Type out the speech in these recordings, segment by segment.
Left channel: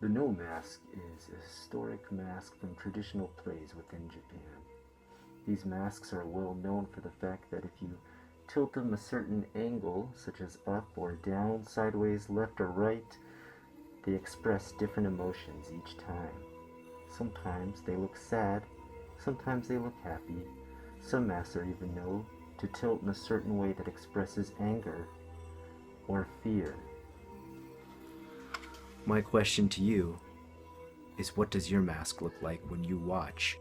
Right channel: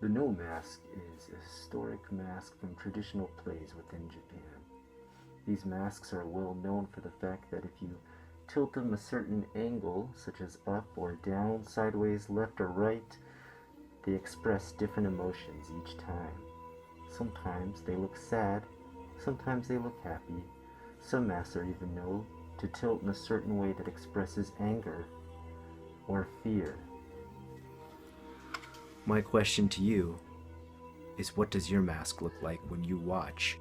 The no mask is a historic mask from traditional plays within Japan. These masks are well known for the fact that if you tilt them a certain angle, such as up or down, sideways, left or right, they express different emotions each time. Sometimes they look sad, sometimes they look happy. Some masks are even known to tilt in a certain way that expresses anger or fear. My question to you is, what does your mask look like when you watch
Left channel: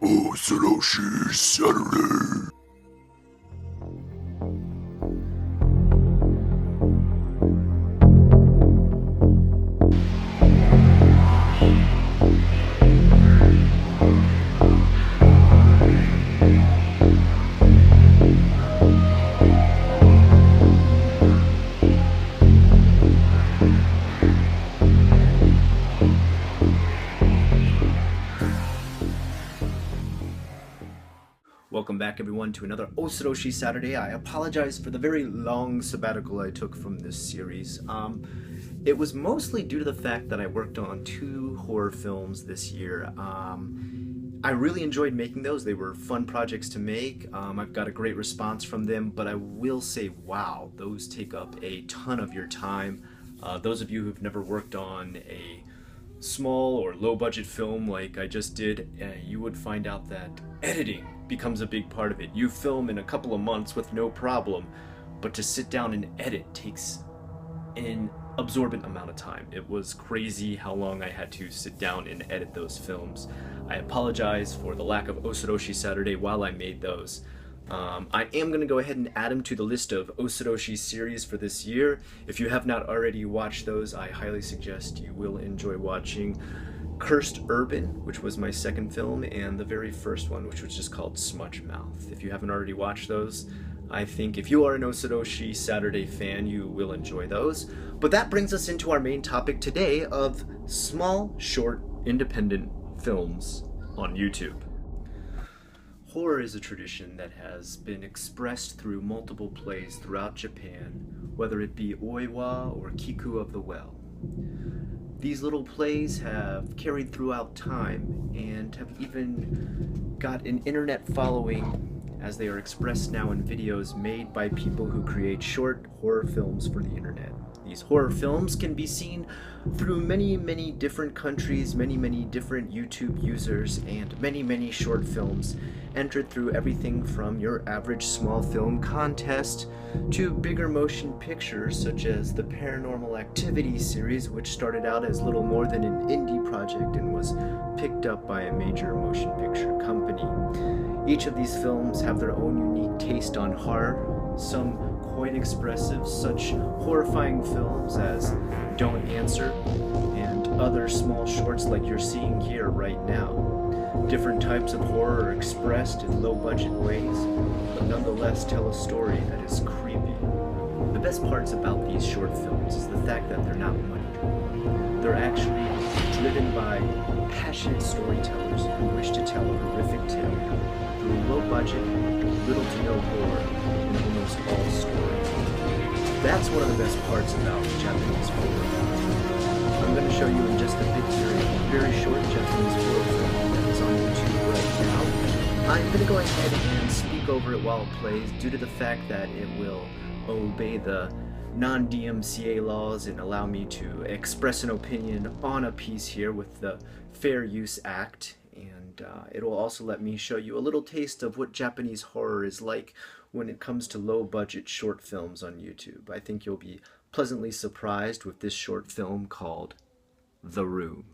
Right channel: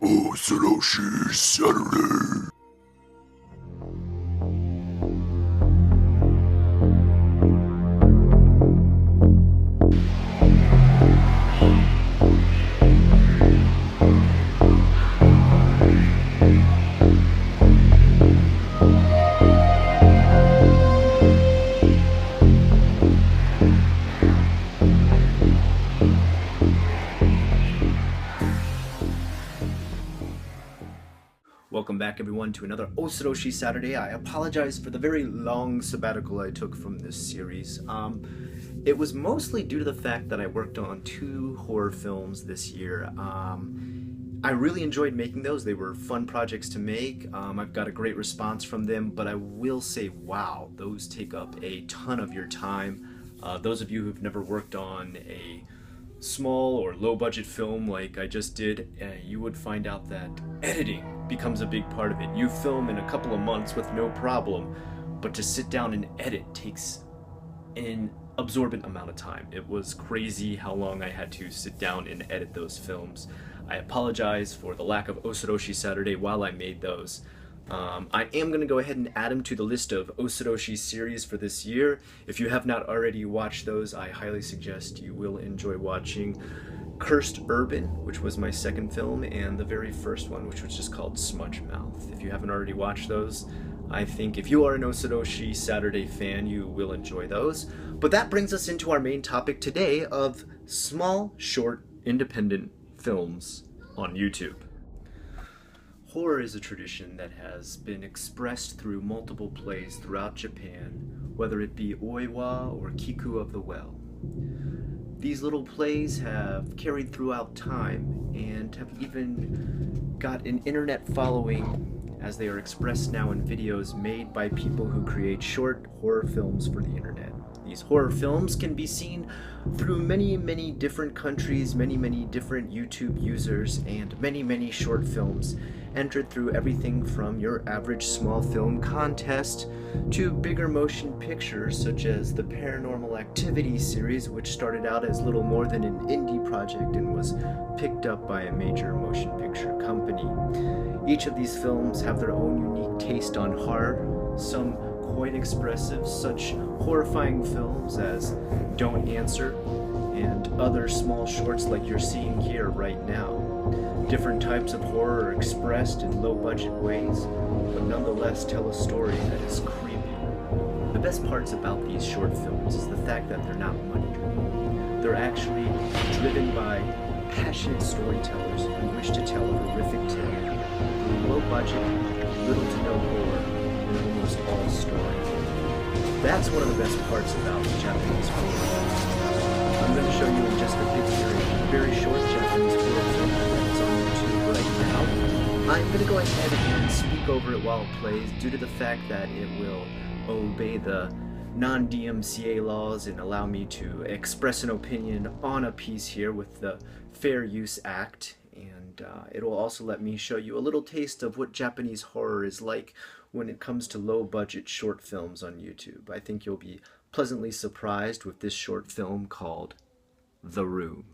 Osoroshi Saturday? Welcome back, everyone, to another Osoroshi Saturday. I apologize for the very long sabbatical I took from this series. It was mostly due to the fact that I worked on 2 horror films this year. I really enjoyed making those. They were fun projects to make. I've got a great response from them, but I will say, wow, those take up a ton of your time. Those of you who've never worked on a small or low budget film like I just did, you would find out that editing becomes a big part of it. You film in a couple of months with no problem, but to sit down and edit takes an absorbent amount of time. It was crazy how long I had to sit down and edit those films. I apologize for the lack of Osoroshi Saturday while I made those. I am going to go ahead and add them to the list of Osoroshi series for this year. If you have not already watched those, I highly suggest you will enjoy watching Cursed Urban, which was my second film, and the very first one, which was just called Smudge Mouth. If you haven't already watched those, I think if you are an Osoroshi Saturday fan, you will enjoy those. But that brings us into our main topic today of small, short, independent films on YouTube. Horror is a tradition that has been expressed through multiple plays throughout Japan, whether it be Oiwa or Kiku of the Well. These little plays have carried throughout time and have even got an internet following, as they are expressed now in videos made by people who create short horror films for the internet. These horror films can be seen through many, many different countries, many, many different YouTube users, and many, many short films entered through everything from your average small film contest to bigger motion pictures such as the Paranormal Activity series, which started out as little more than an indie project and was picked up by a major motion picture company. Each of these films have their own unique taste on horror, some quite expressive, such horrifying films as Don't Answer and other small shorts like you're seeing here right now. Different types of horror are expressed in low-budget ways, but nonetheless tell a story that is creepy. The best parts about these short films is the fact that they're not money-driven. They're actually driven by passionate storytellers who wish to tell a horrific tale through low-budget, little to no gore, in almost all stories. That's one of the best parts about Japanese horror. I'm going to show you in just a bit here a very short Japanese horror film that is on YouTube right now. I'm going to go ahead and speak over it while it plays due to the fact that it will obey the non-DMCA laws and allow me to express an opinion on a piece here with the Fair Use Act. And it will also let me show you a little taste of what Japanese horror is like when it comes to low-budget short films on YouTube. I think you'll be pleasantly surprised with this short film called The Room.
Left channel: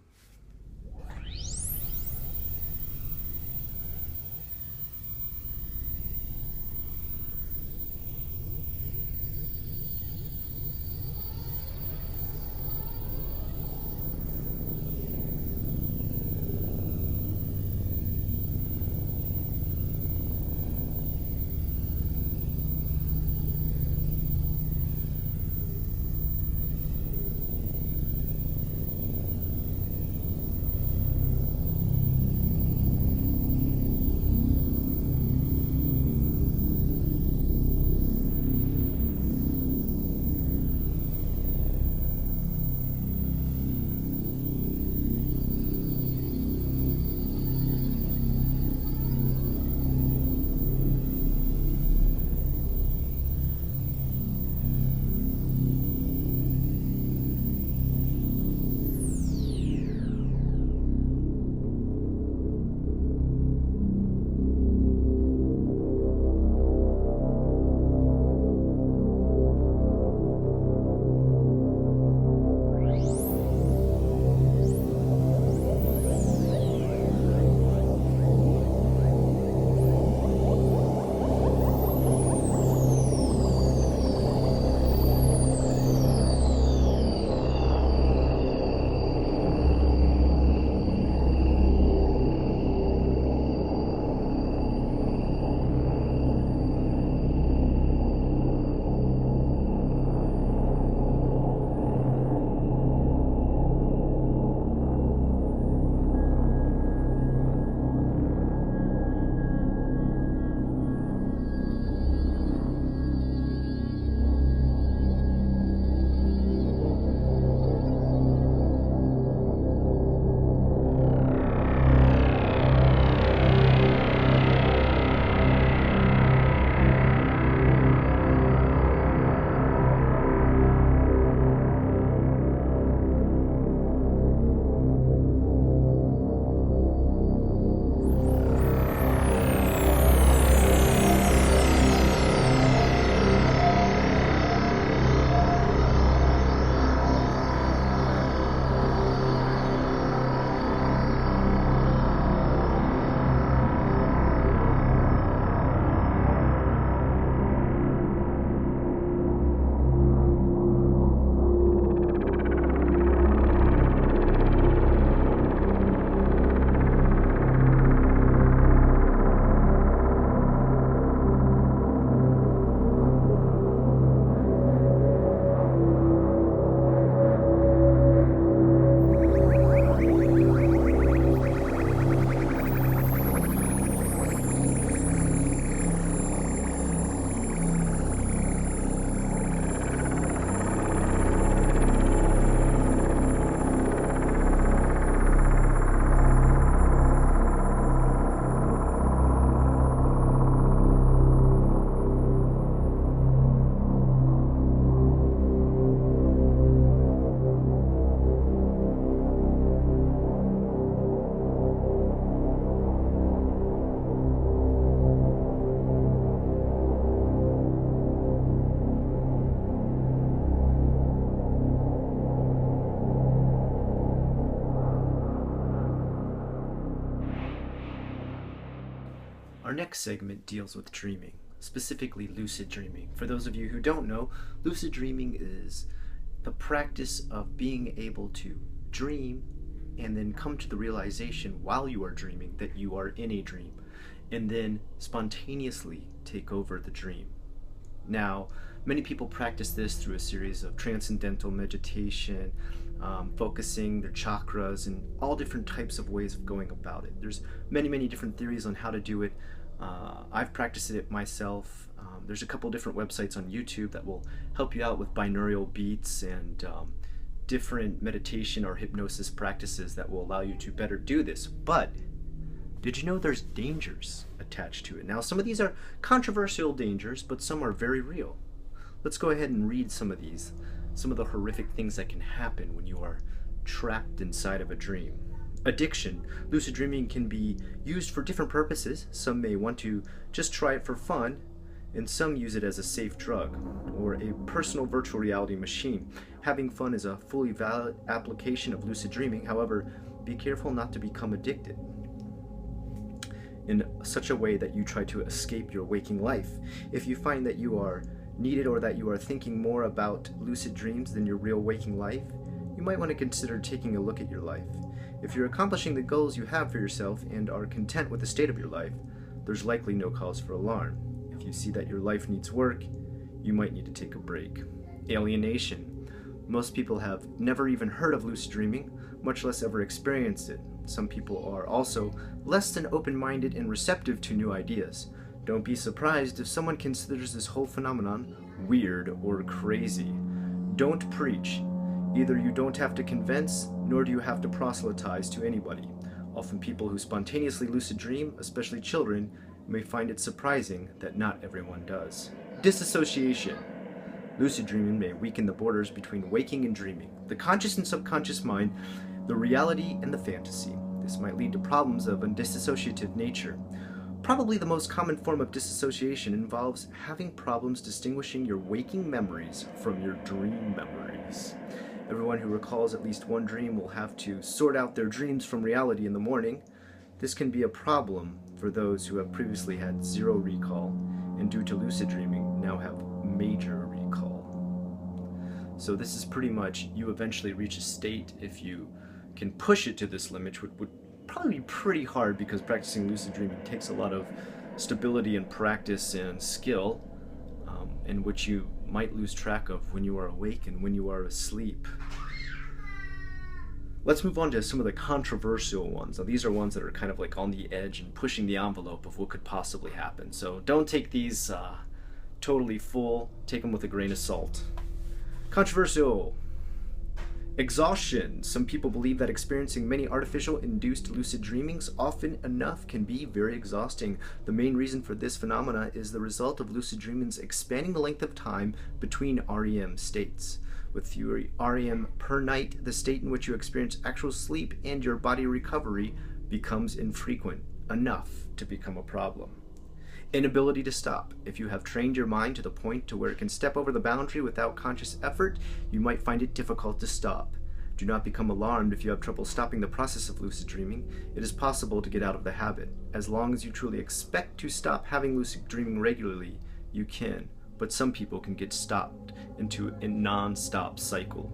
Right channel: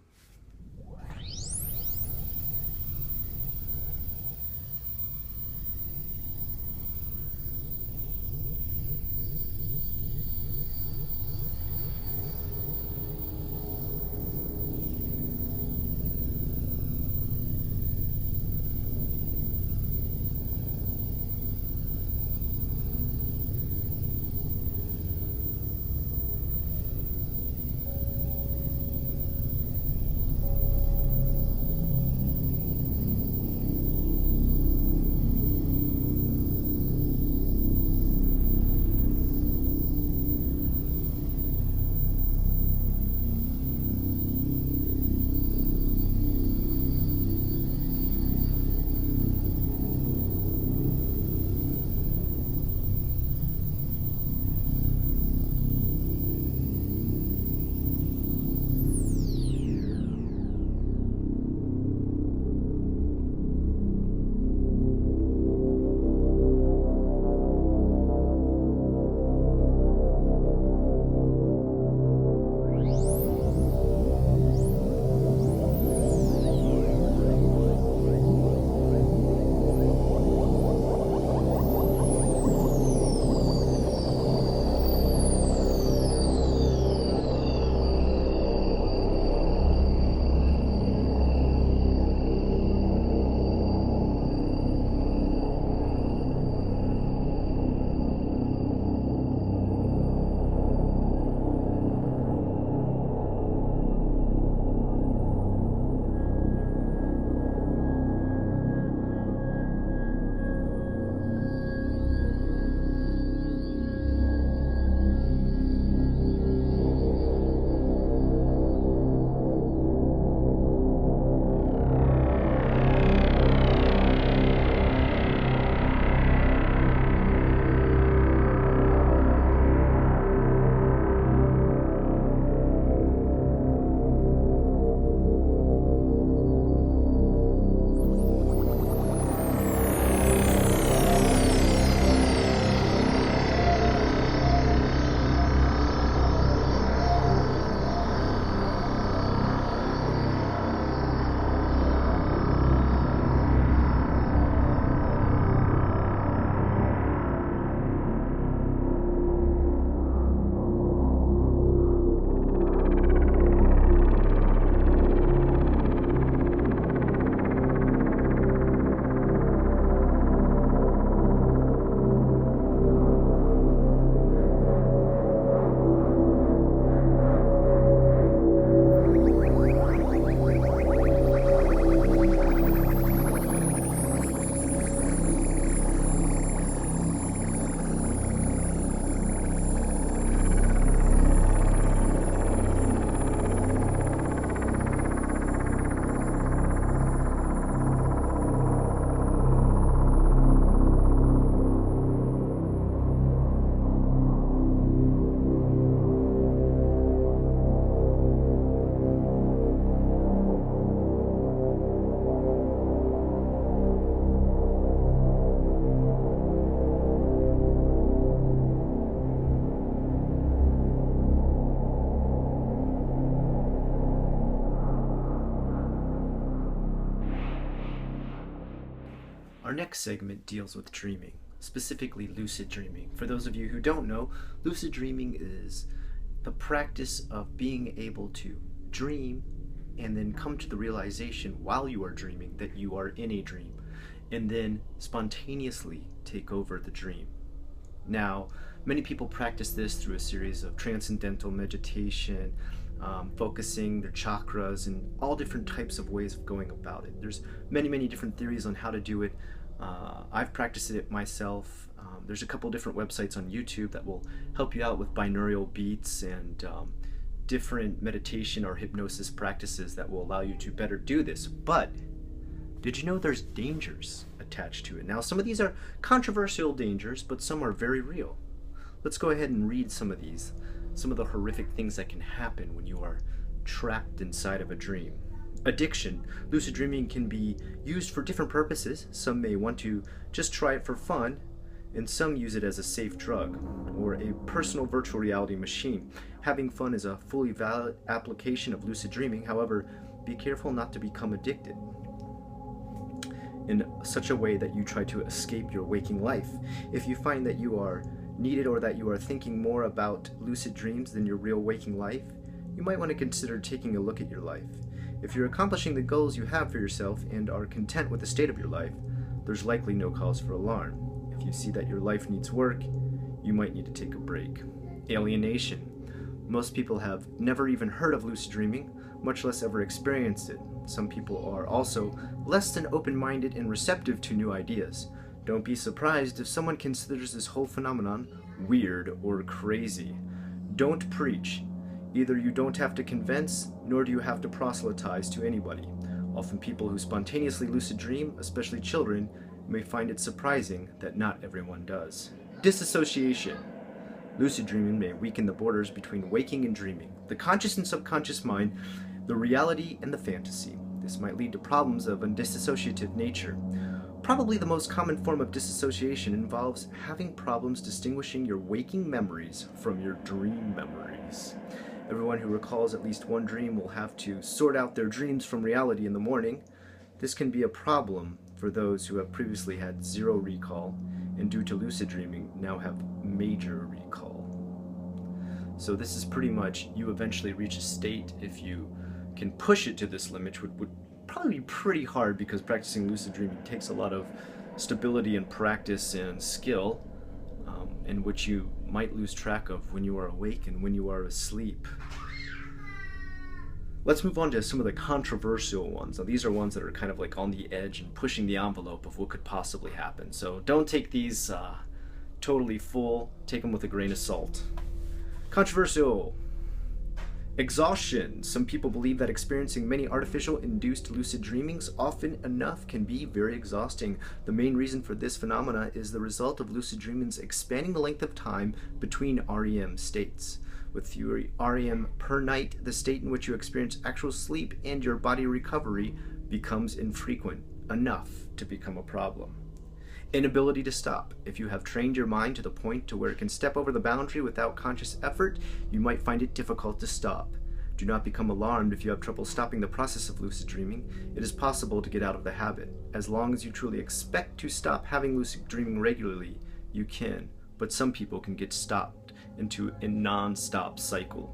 Our next segment deals with dreaming, specifically lucid dreaming. For those of you who don't know, lucid dreaming is the practice of being able to dream and then come to the realization while you are dreaming that you are in a dream, and then spontaneously take over the dream. Now, many people practice this through a series of transcendental meditation, focusing their chakras, and all different types of ways of going about it. There's many different theories on how to do it. I've practiced it myself. There's a couple different websites on YouTube that will help you out with binaural beats and different meditation or hypnosis practices that will allow you to better do this. But did you know there's dangers attached to it? Now, some of these are controversial dangers, but some are very real. Let's go ahead and read some of these, some of the horrific things that can happen when you are trapped inside of a dream. Addiction. Lucid dreaming can be used for different purposes. Some may want to just try it for fun, and some use it as a safe drug or a personal virtual reality machine. Having fun is a fully valid application of lucid dreaming. However, be careful not to become addicted in such a way that you try to escape your waking life. If you find that you are needed or that you are thinking more about lucid dreams than your real waking life, you might want to consider taking a look at your life. If you're accomplishing the goals you have for yourself and are content with the state of your life, there's likely no cause for alarm. If you see that your life needs work, you might need to take a break. Alienation. Most people have never even heard of lucid dreaming, much less ever experienced it. Some people are also less than open-minded and receptive to new ideas. Don't be surprised if someone considers this whole phenomenon weird or crazy. Don't preach. Either you don't have to convince, nor do you have to proselytize to anybody. Often people who spontaneously lucid dream, especially children, may find it surprising that not everyone does. Disassociation. Lucid dreaming may weaken the borders between waking and dreaming, the conscious and subconscious mind, the reality and the fantasy. This might lead to problems of a dissociative nature. Probably the most common form of dissociation involves having problems distinguishing your waking memories from your dream memories. Everyone who recalls at least one dream will have to sort out their dreams from reality in the morning. This can be a problem for those who have previously had zero recall and due to lucid dreaming now have major recall. So this is pretty much, you eventually reach a state, if you can push it to this limit, which would probably be pretty hard because practicing lucid dreaming takes a lot of stability and practice and skill, in which you might lose track of when you are awake and when you are asleep. Let's move on to some of the controversial ones. Now, these are ones that are kind of like on the edge and pushing the envelope of what could possibly happen. So don't take these totally full. Take them with a grain of salt. Controversial. Exhaustion. Some people believe that experiencing many artificial induced lucid dreamings often enough can be very exhausting. The main reason for this phenomena is the result of lucid dreamings expanding the length of time between REM states. With fewer REM per night, the state in which you experience actual sleep and your body recovery becomes infrequent enough to become a problem. Inability to stop. If you have trained your mind to the point to where it can step over the boundary without conscious effort, you might find it difficult to stop. Do not become alarmed if you have trouble stopping the process of lucid dreaming. It is possible to get out of the habit. As long as you truly expect to stop having lucid dreaming regularly, you can, but some people can get stopped into a non-stop cycle.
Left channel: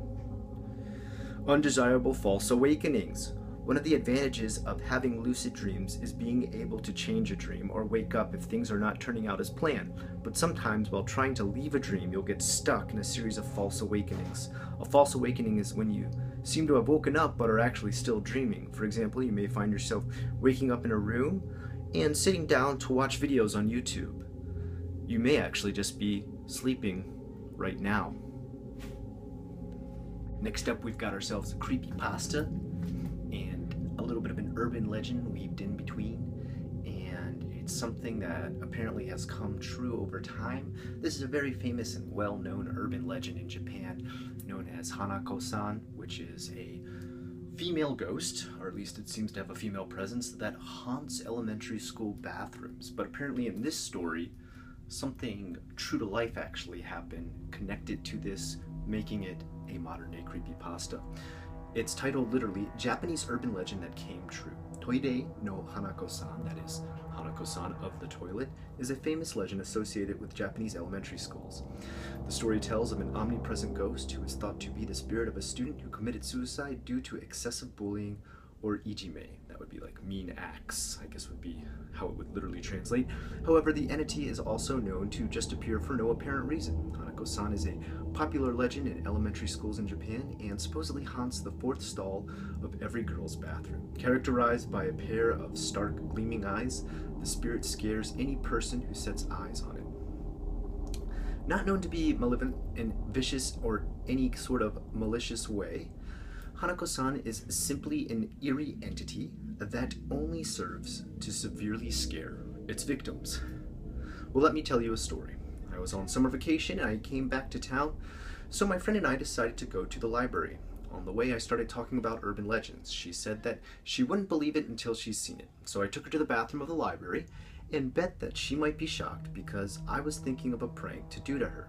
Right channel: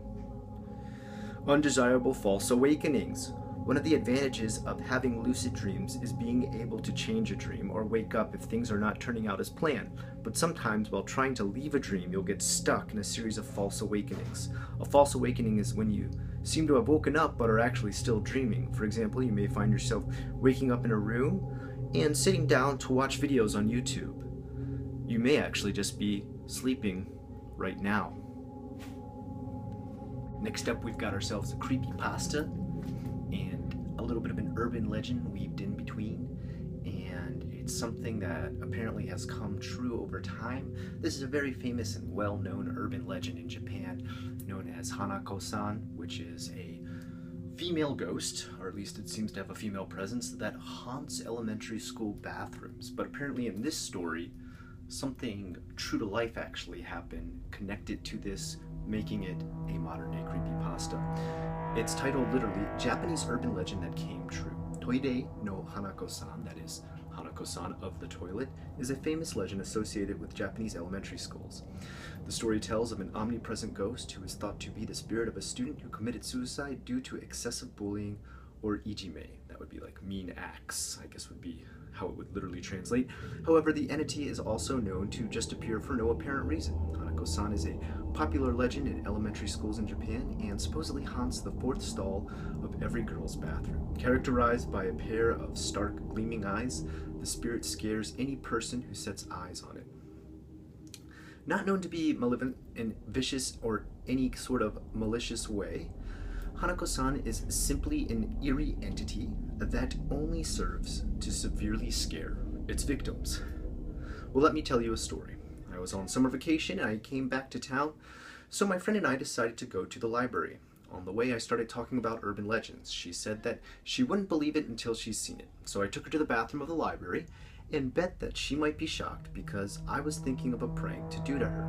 Undesirable false awakenings. One of the advantages of having lucid dreams is being able to change a dream or wake up if things are not turning out as planned. But sometimes while trying to leave a dream, you'll get stuck in a series of false awakenings. A false awakening is when you seem to have woken up but are actually still dreaming. For example, you may find yourself waking up in a room and sitting down to watch videos on YouTube. You may actually just be sleeping right now. Next up, we've got ourselves a creepypasta and a little bit of an urban legend weaved in between, and it's something that apparently has come true over time. This is a very famous and well-known urban legend in Japan known as Hanako-san, which is a female ghost, or at least it seems to have a female presence, that haunts elementary school bathrooms. But apparently in this story, something true to life actually happened connected to this, making it a modern-day creepypasta. It's titled literally Japanese Urban Legend That Came True. Toire no Hanako-san, that is Hanako-san of the toilet, is a famous legend associated with Japanese elementary schools. The story tells of an omnipresent ghost who is thought to be the spirit of a student who committed suicide due to excessive bullying or ijime. That would be like mean acts, I guess would be how it would literally translate. However, the entity is also known to just appear for no apparent reason. Hanako-san is a popular legend in elementary schools in Japan and supposedly haunts the fourth stall of every girl's bathroom. Characterized by a pair of stark, gleaming eyes, the spirit scares any person who sets eyes on it. Not known to be malevolent and vicious or any sort of malicious way, Hanako-san is simply an eerie entity that only serves to severely scare its victims. Well, let me tell you a story. I was on summer vacation and I came back to town, so my friend and I decided to go to the library. On the way, I started talking about urban legends. She said that she wouldn't believe it until she's seen it, so I took her to the bathroom of the library and bet that she might be shocked because I was thinking of a prank to do to her.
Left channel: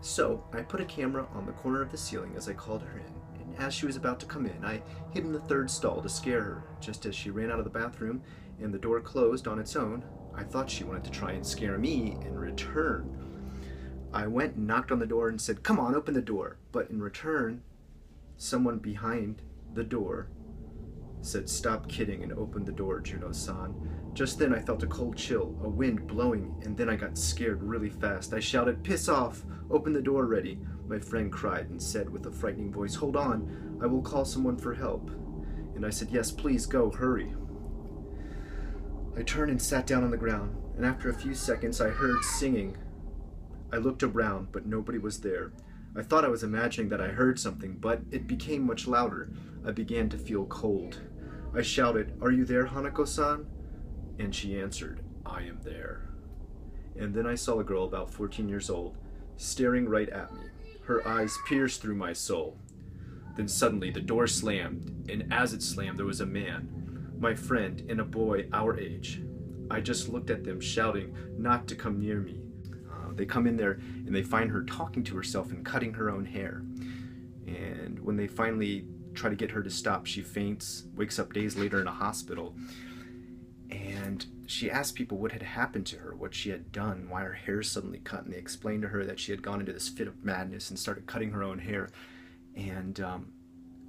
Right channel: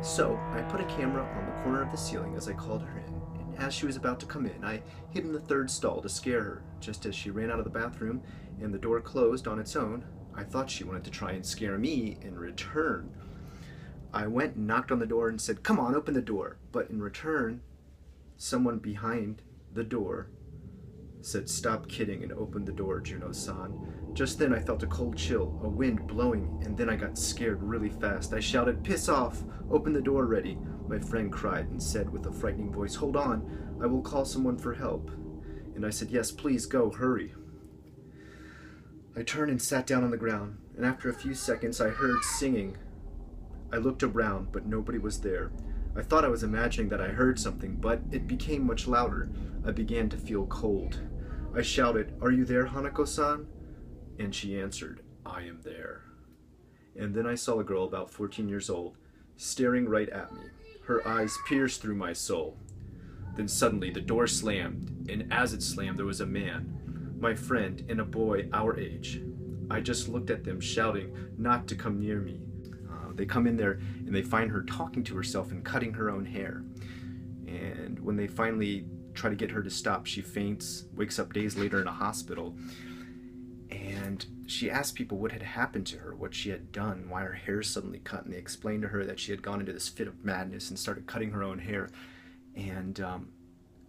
So I put a camera on the corner of the ceiling as I called her in. As she was about to come in, I hid in the third stall to scare her. Just as she ran out of the bathroom and the door closed on its own, I thought she wanted to try and scare me in return. I went and knocked on the door and said, "Come on, open the door." But in return, someone behind the door said, "Stop kidding," and opened the door, Juno-san. Just then I felt a cold chill, a wind blowing, and then I got scared really fast. I shouted, "Piss off! Open the door already." My friend cried and said with a frightening voice, "Hold on, I will call someone for help." And I said, "Yes, please go, hurry." I turned and sat down on the ground, and after a few seconds I heard singing. I looked around, but nobody was there. I thought I was imagining that I heard something, but it became much louder. I began to feel cold. I shouted, "Are you there, Hanako-san?" And she answered, "I am there." And then I saw a girl about 14 years old, staring right at me. Her eyes pierced through my soul. Then suddenly the door slammed, and as it slammed there was a man, my friend, and a boy our age. I just looked at them, shouting not to come near me. They come in there and they find her talking to herself and cutting her own hair. And when they finally try to get her to stop, she faints, wakes up days later in a hospital. And she asked people what had happened to her, what she had done, why her hair suddenly cut, and they explained to her that she had gone into this fit of madness and started cutting her own hair. And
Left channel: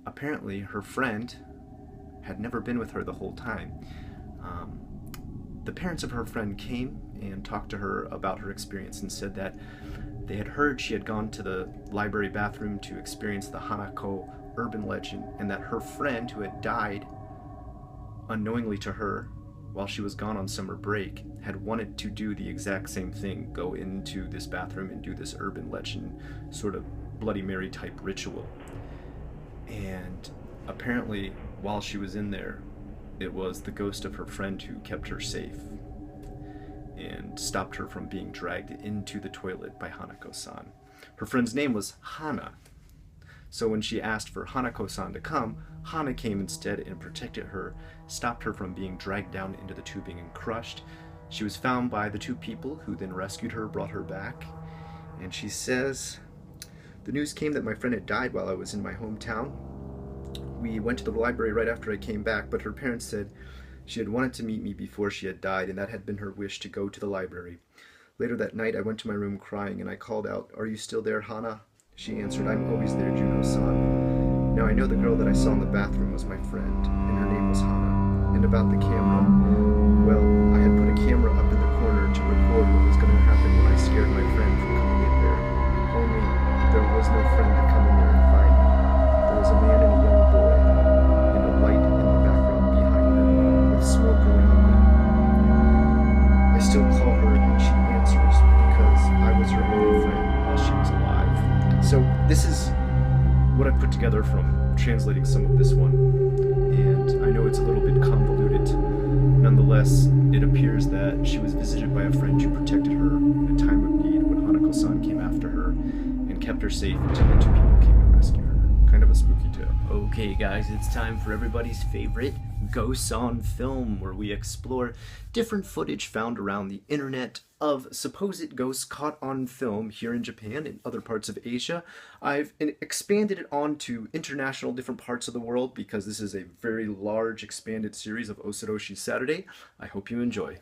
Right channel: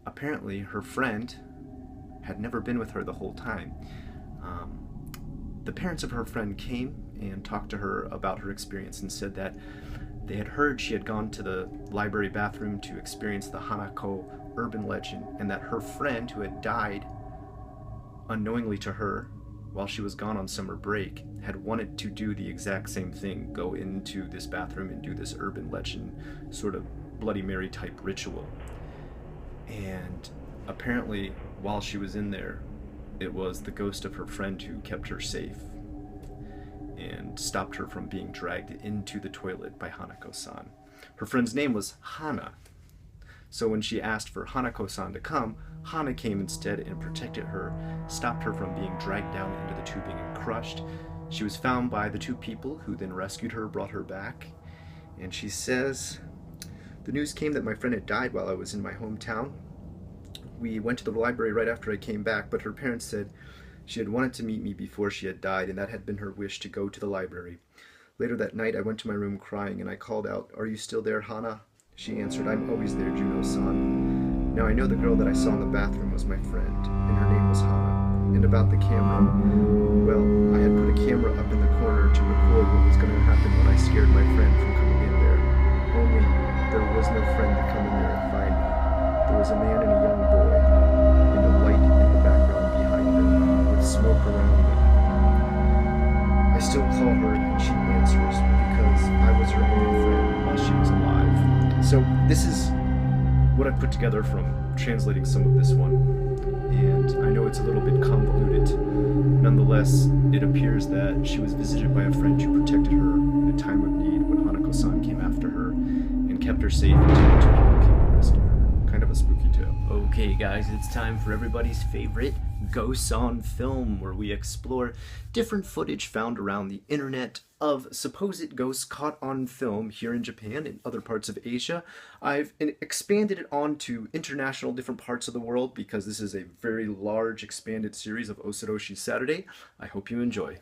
apparently her friend had never been with her the whole time. The parents of her friend came and talked to her about her experience and said that they had heard she had gone to the library bathroom to experience the Hanako urban legend, and that her friend, who had died unknowingly to her while she was gone on summer break, had wanted to do the exact same thing, go into this bathroom and do this urban legend sort of Bloody Mary type ritual. And apparently while she was in there, it was the ghost of her friend who kept her safe and stopped her from being dragged into the toilet by Hanako-san. Her friend's name was Hana. So when she asked for Hanako-san to come, Hana came instead and protected her, stopped her from being dragged down into the tubing and crushed. She was found by the two people who then rescued her, brought her back. And she says, "The news came that my friend had died while I was in my hometown. We went to the library right after I came back, but her parents said she had wanted to meet me before she had died, and that had been her wish to go to the library. Later that night, I went to my room crying, and I called out, 'Are you still there, Hana?' She answered, 'I'm always there, Juno-san.' Now I know the girl that I saw in the bathroom was my friend, and her name was Hana. And about the camera, well, I had put a camera up in the corner to record what was going to happen when I scared my friend from coming in there. Only there was no friend to come in there and find me. There was a man and a young boy, and a light in the background behind them, with smoke around me. I still call her and she answers because I was her only friend while she was alive." So this is what I've put together from translating some of this one. And I know it's a little bit convoluted. Nonetheless, it appears that she was visited by a friend who protected her in a time of need when Hanako-san came after her and kept her safe until the two people came to rescue her. Kind of a spooky tale. Okay guys, it's time for everybody's favorite Ghosts on Film, where we explore different footage found around the internet of supposed ghosts caught on film here in Japan and other parts of Asia. I've expanded it onto international different parts of the world because this is a very large expanded series of Osoroshi Saturday. I hope you enjoy.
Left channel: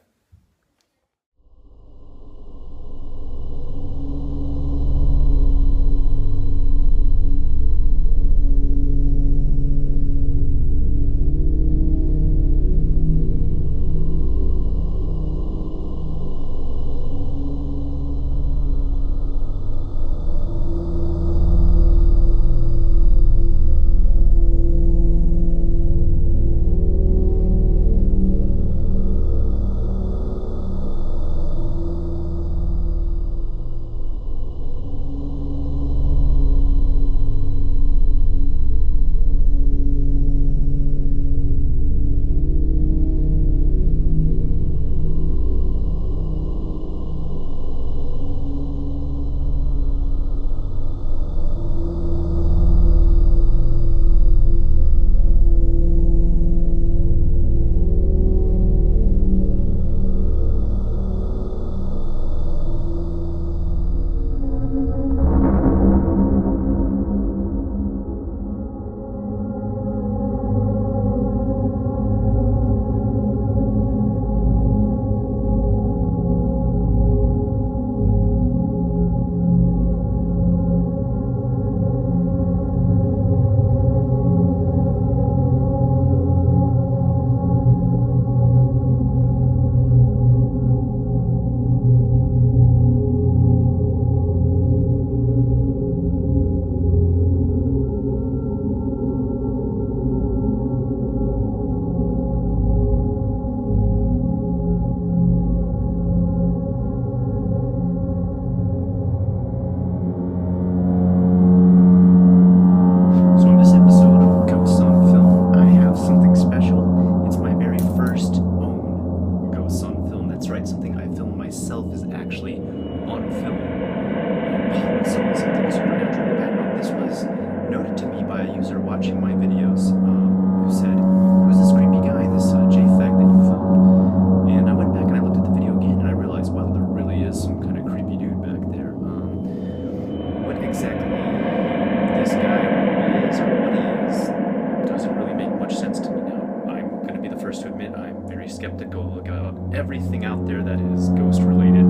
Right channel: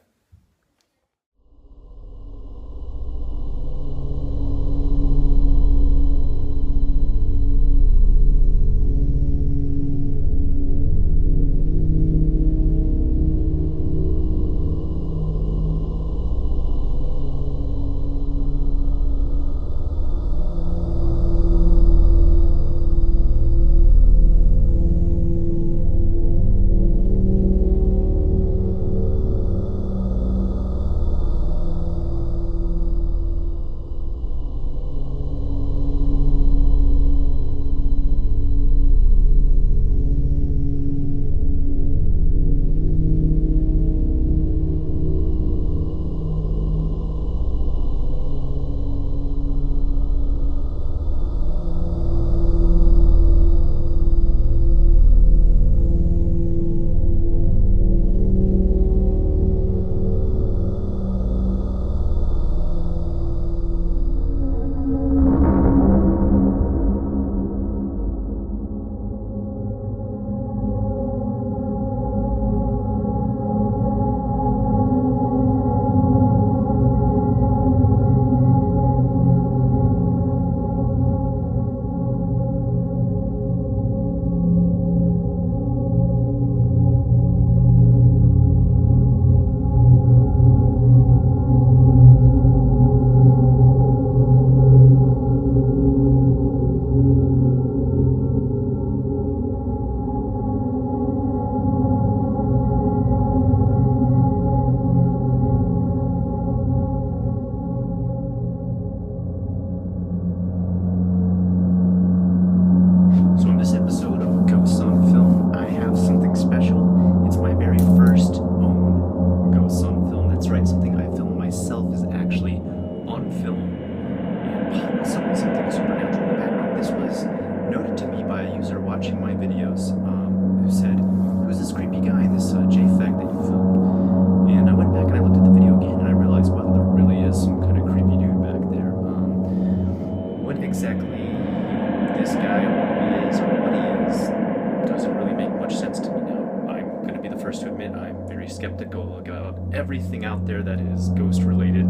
very skeptical about everything out there that is ghost related.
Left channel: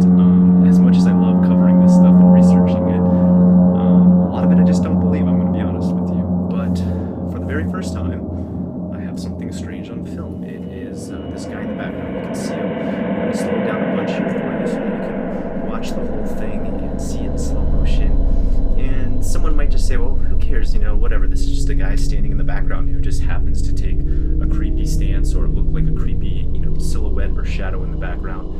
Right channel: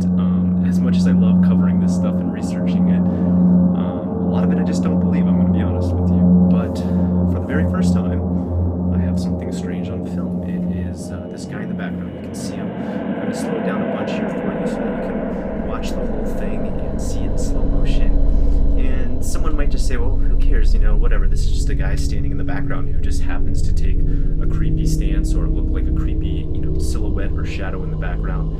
As much as I love covering this stuff and researching it, a lot of it I just don't believe, I'm going to be honest with you. But for the very first time, I have something strange on film. It is this guy in the background. You can see him. I'm going to slow it down a bunch here for you so that you can watch the whole thing and see it in slow motion. And someone might just say, well, who cares, whatever, this is just a guy standing in the background who just happens to take a creepy stance or look like a creepy, silhouette or shadow in the background.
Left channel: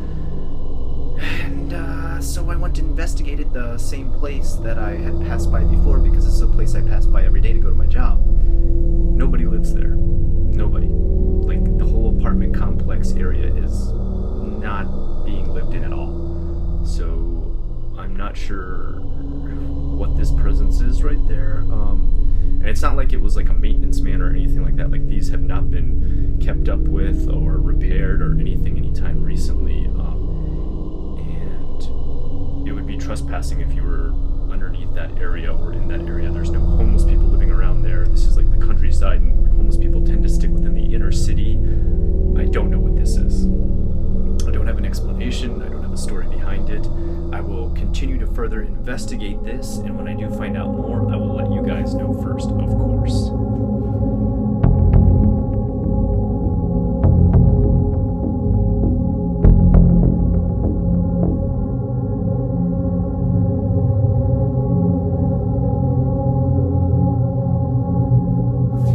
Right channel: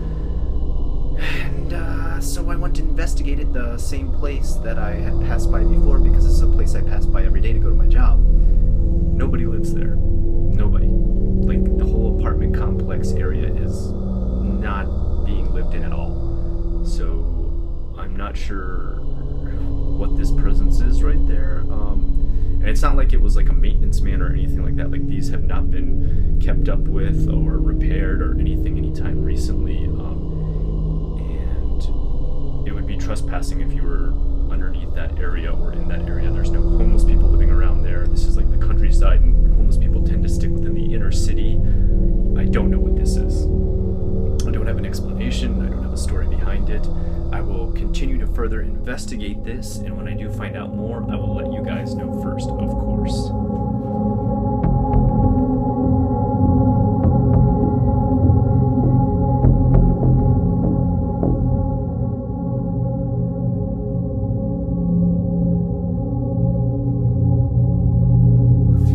And so I went to investigate it, the same place that I had passed by before, because this is a place I pass by every day to go to my job. Nobody lives there. Nobody. Like, the whole apartment complex area is not being lived in at all. So I'm not sure what this presence is right there. And it's not like it was like a maintenance man or anything like that. Like, these have not been kept up with or repaired or anything anytime recently. And it would be trespassing if you were underneath that area or in that area. There's no homeless people living around there. This is like the countryside, and homeless people tend to stick within the inner city. I don't know what this is. I don't have an explanation. I don't have a story behind it. I will continue to further investigate this, and when I do find out more, I will let you guys know first, of course.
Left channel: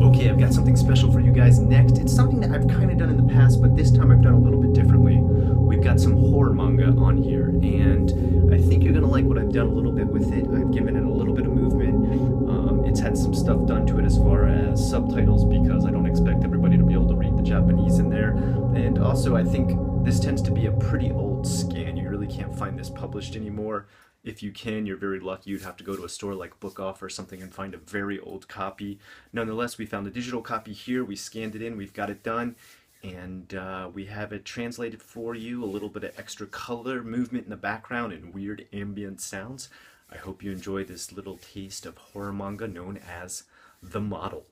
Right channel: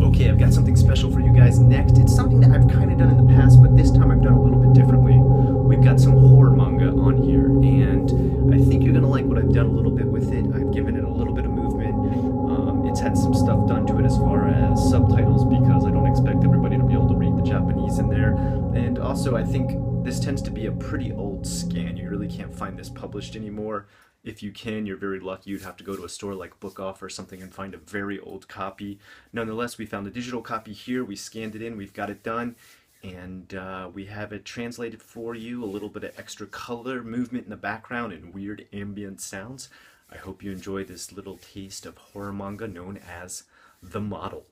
Okay, I've got something special for you guys next. It's something that I've kind of done in the past, but this time I've done a little bit differently. We've got some horror manga on here, and I think you're going to like what I've done a little bit with it. I've given it a little bit of movement. It's had some stuff done to it as far as subtitles, because I don't expect everybody to be able to read the Japanese in there. And also, I think this tends to be a pretty old scan. You really can't find this published anymore. If you can, you're very lucky. You'd have to go to a store like Book Off or something and find a very old copy. Nonetheless, we found a digital copy here. We scanned it in. We've got it done. And we have it translated for you, a little bit of extra color, movement in the background, and weird ambient sounds. I hope you enjoy this little taste of horror manga known as The Model.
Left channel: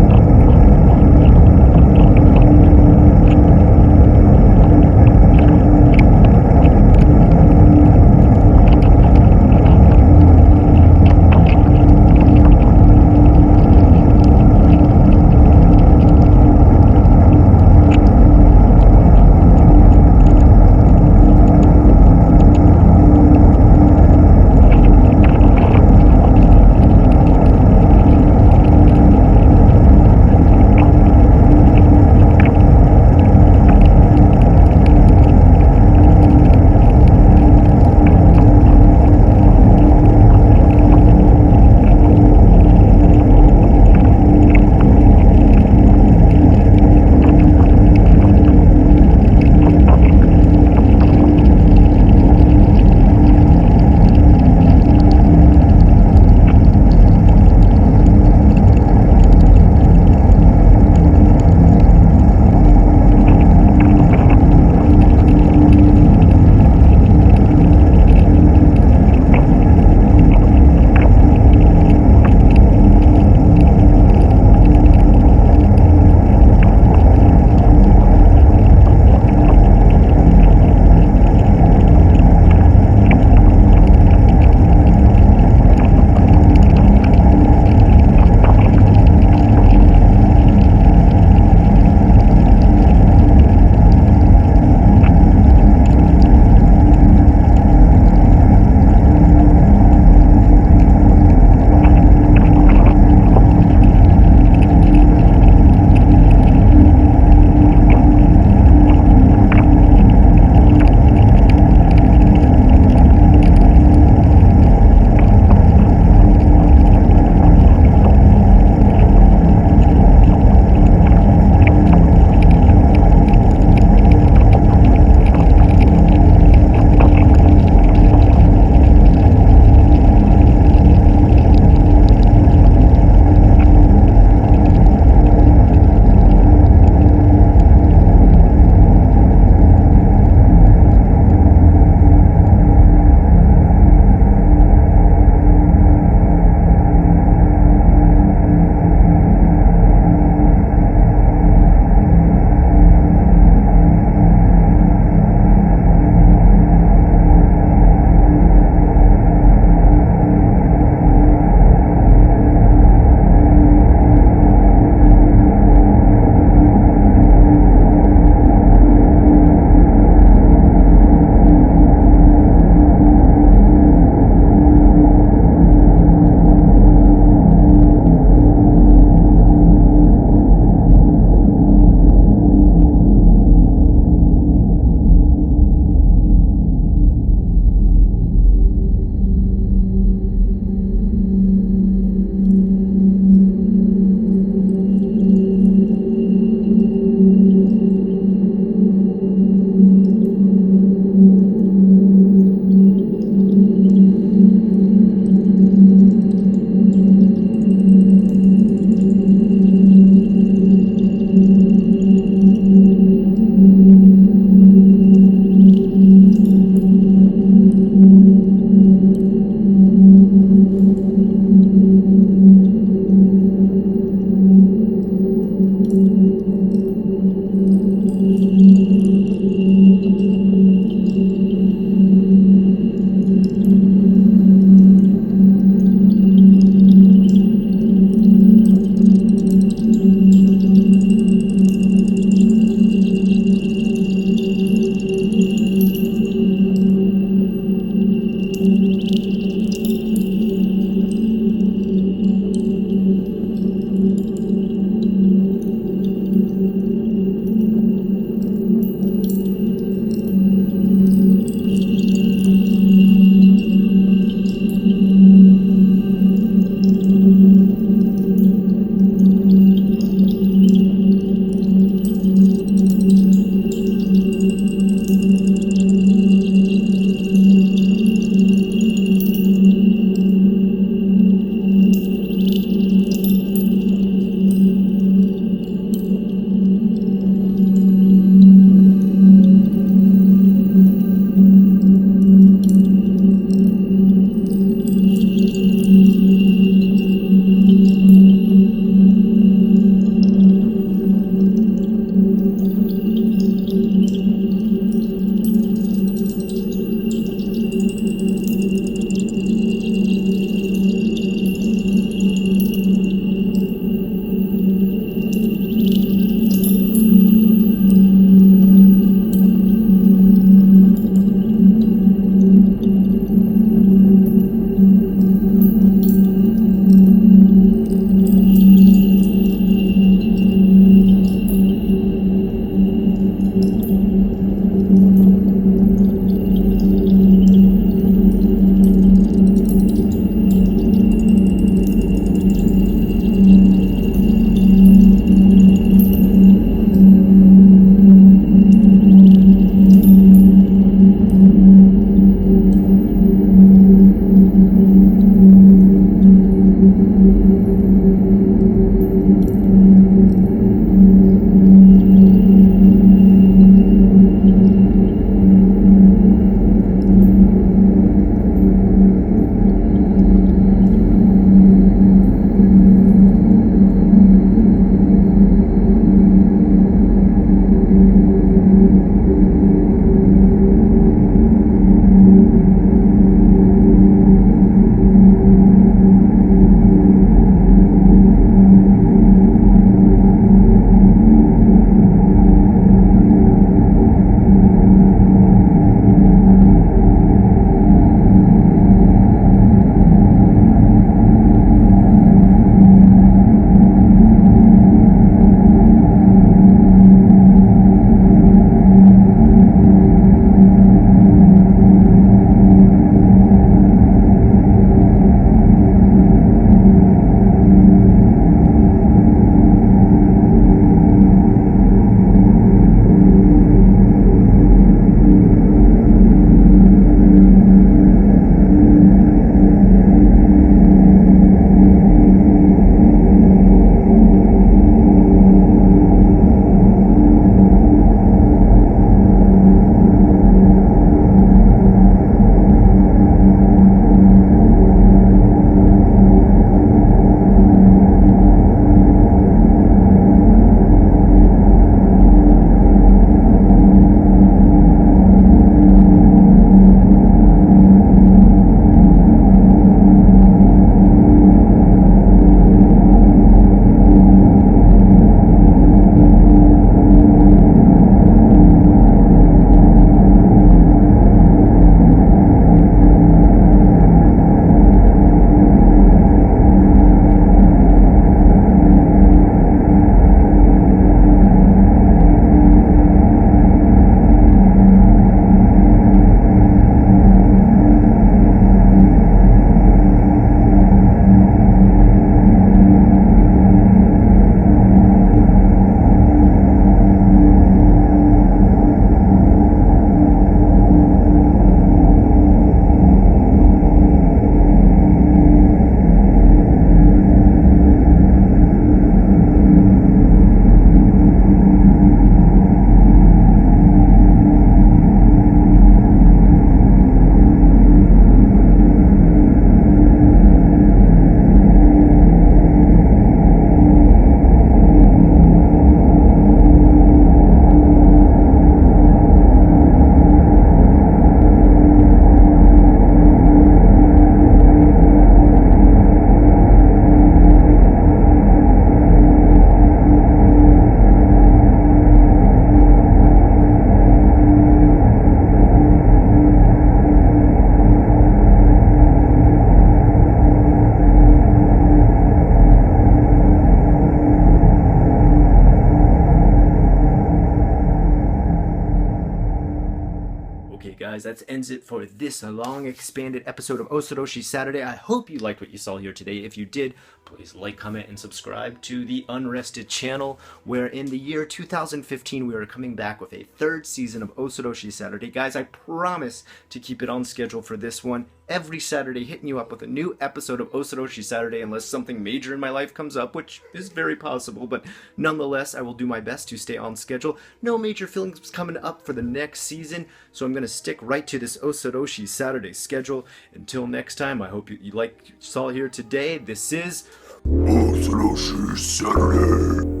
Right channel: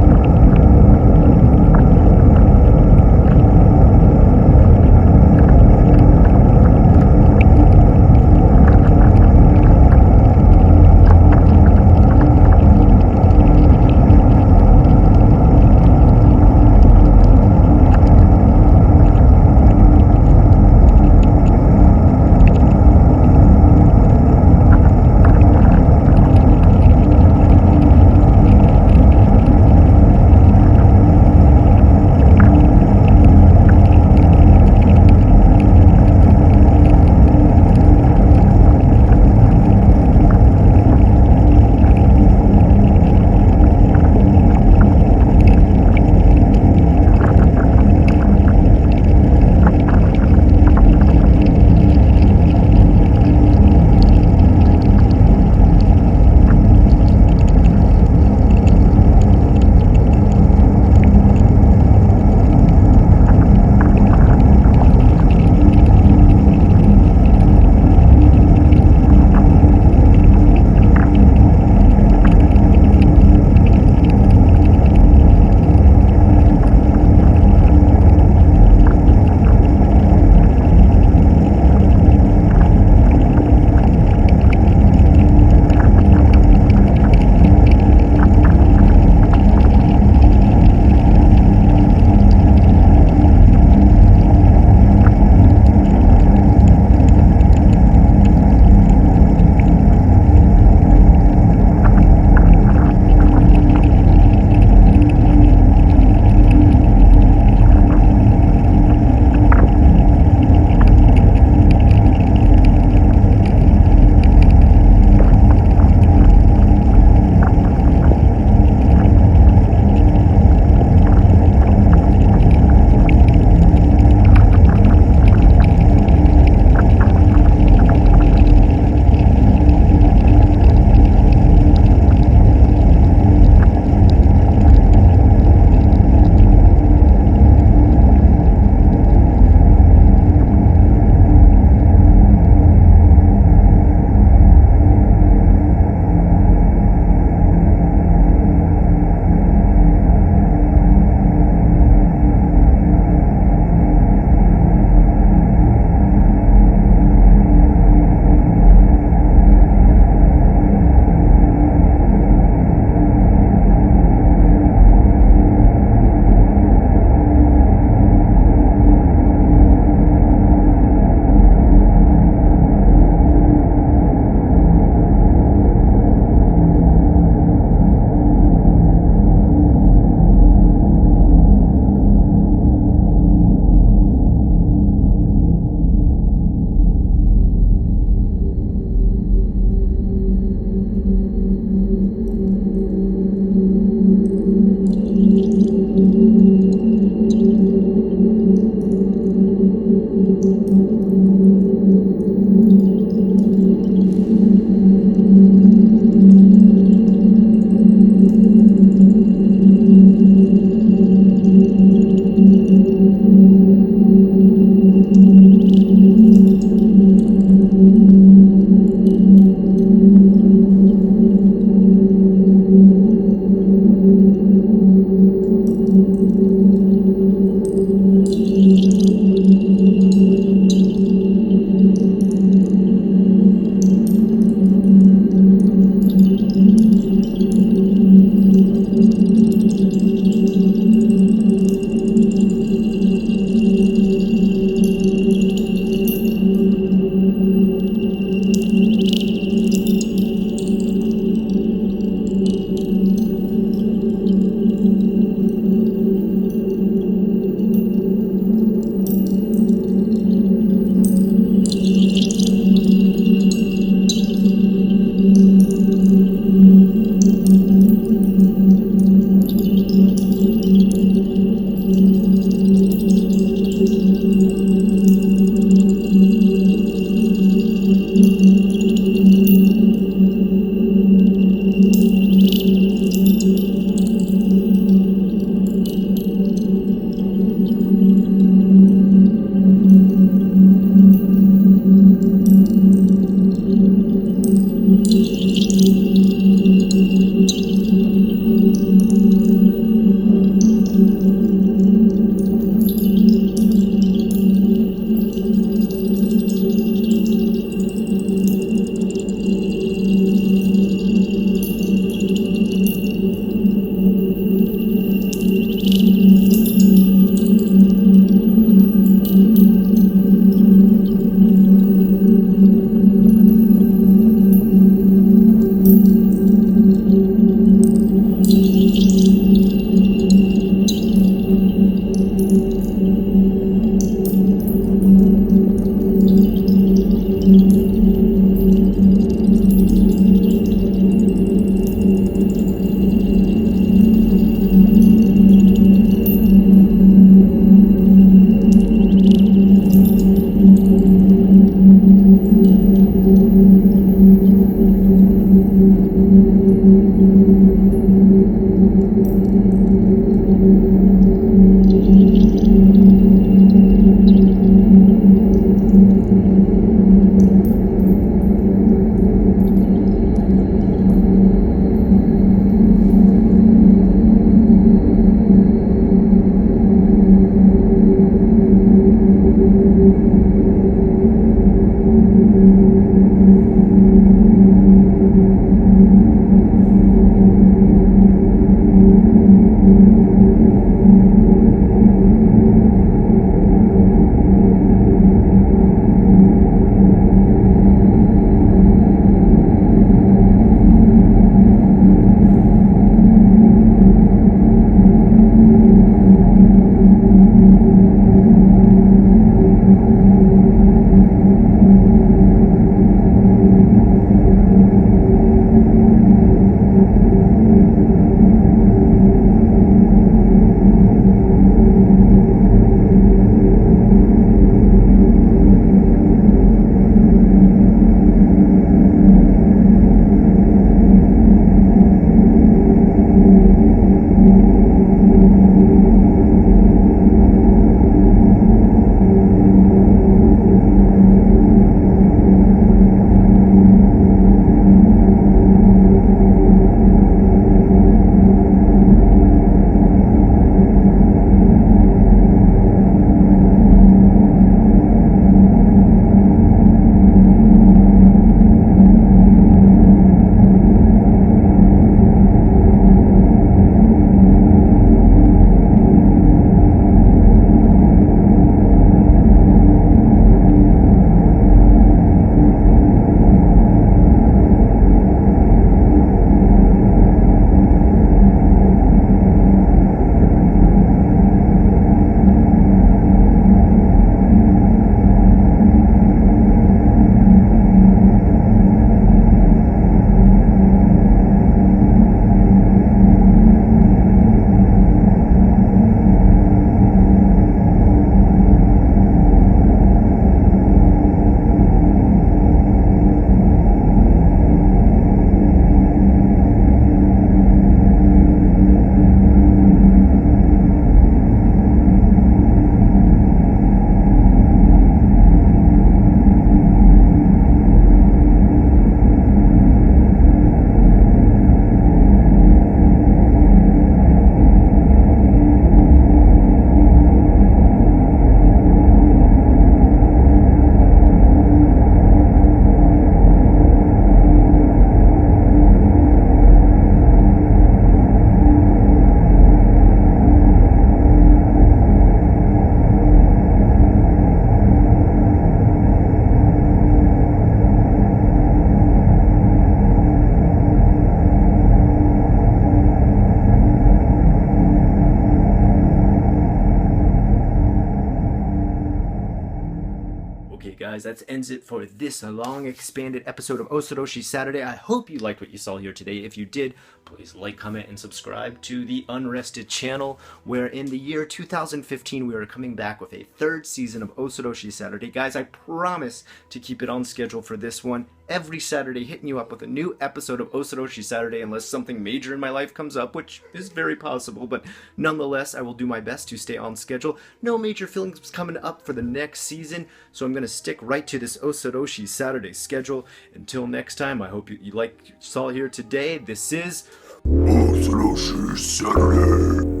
guys, that ends it for this long expanded episode of Osoroshi Saturday. I hope you liked what you saw here today. If you did, please like, comment, and subscribe to the Unrested channel, where in the year 2015 we are coming back with a third season of Osoroshi Saturday. Guys, I promise to keep it on schedule for this one. Every Saturday, hitting you up with a new episode of Osoroshi Saturday, unless something major in my life comes up, which is very possible, but nonetheless, I will do my best to stay on schedule. No major films coming up for the next season, so I'm going to stick right to this Osoroshi Saturday schedule. Until next time, I hope you like what you saw here today. This is Osoroshi Saturday.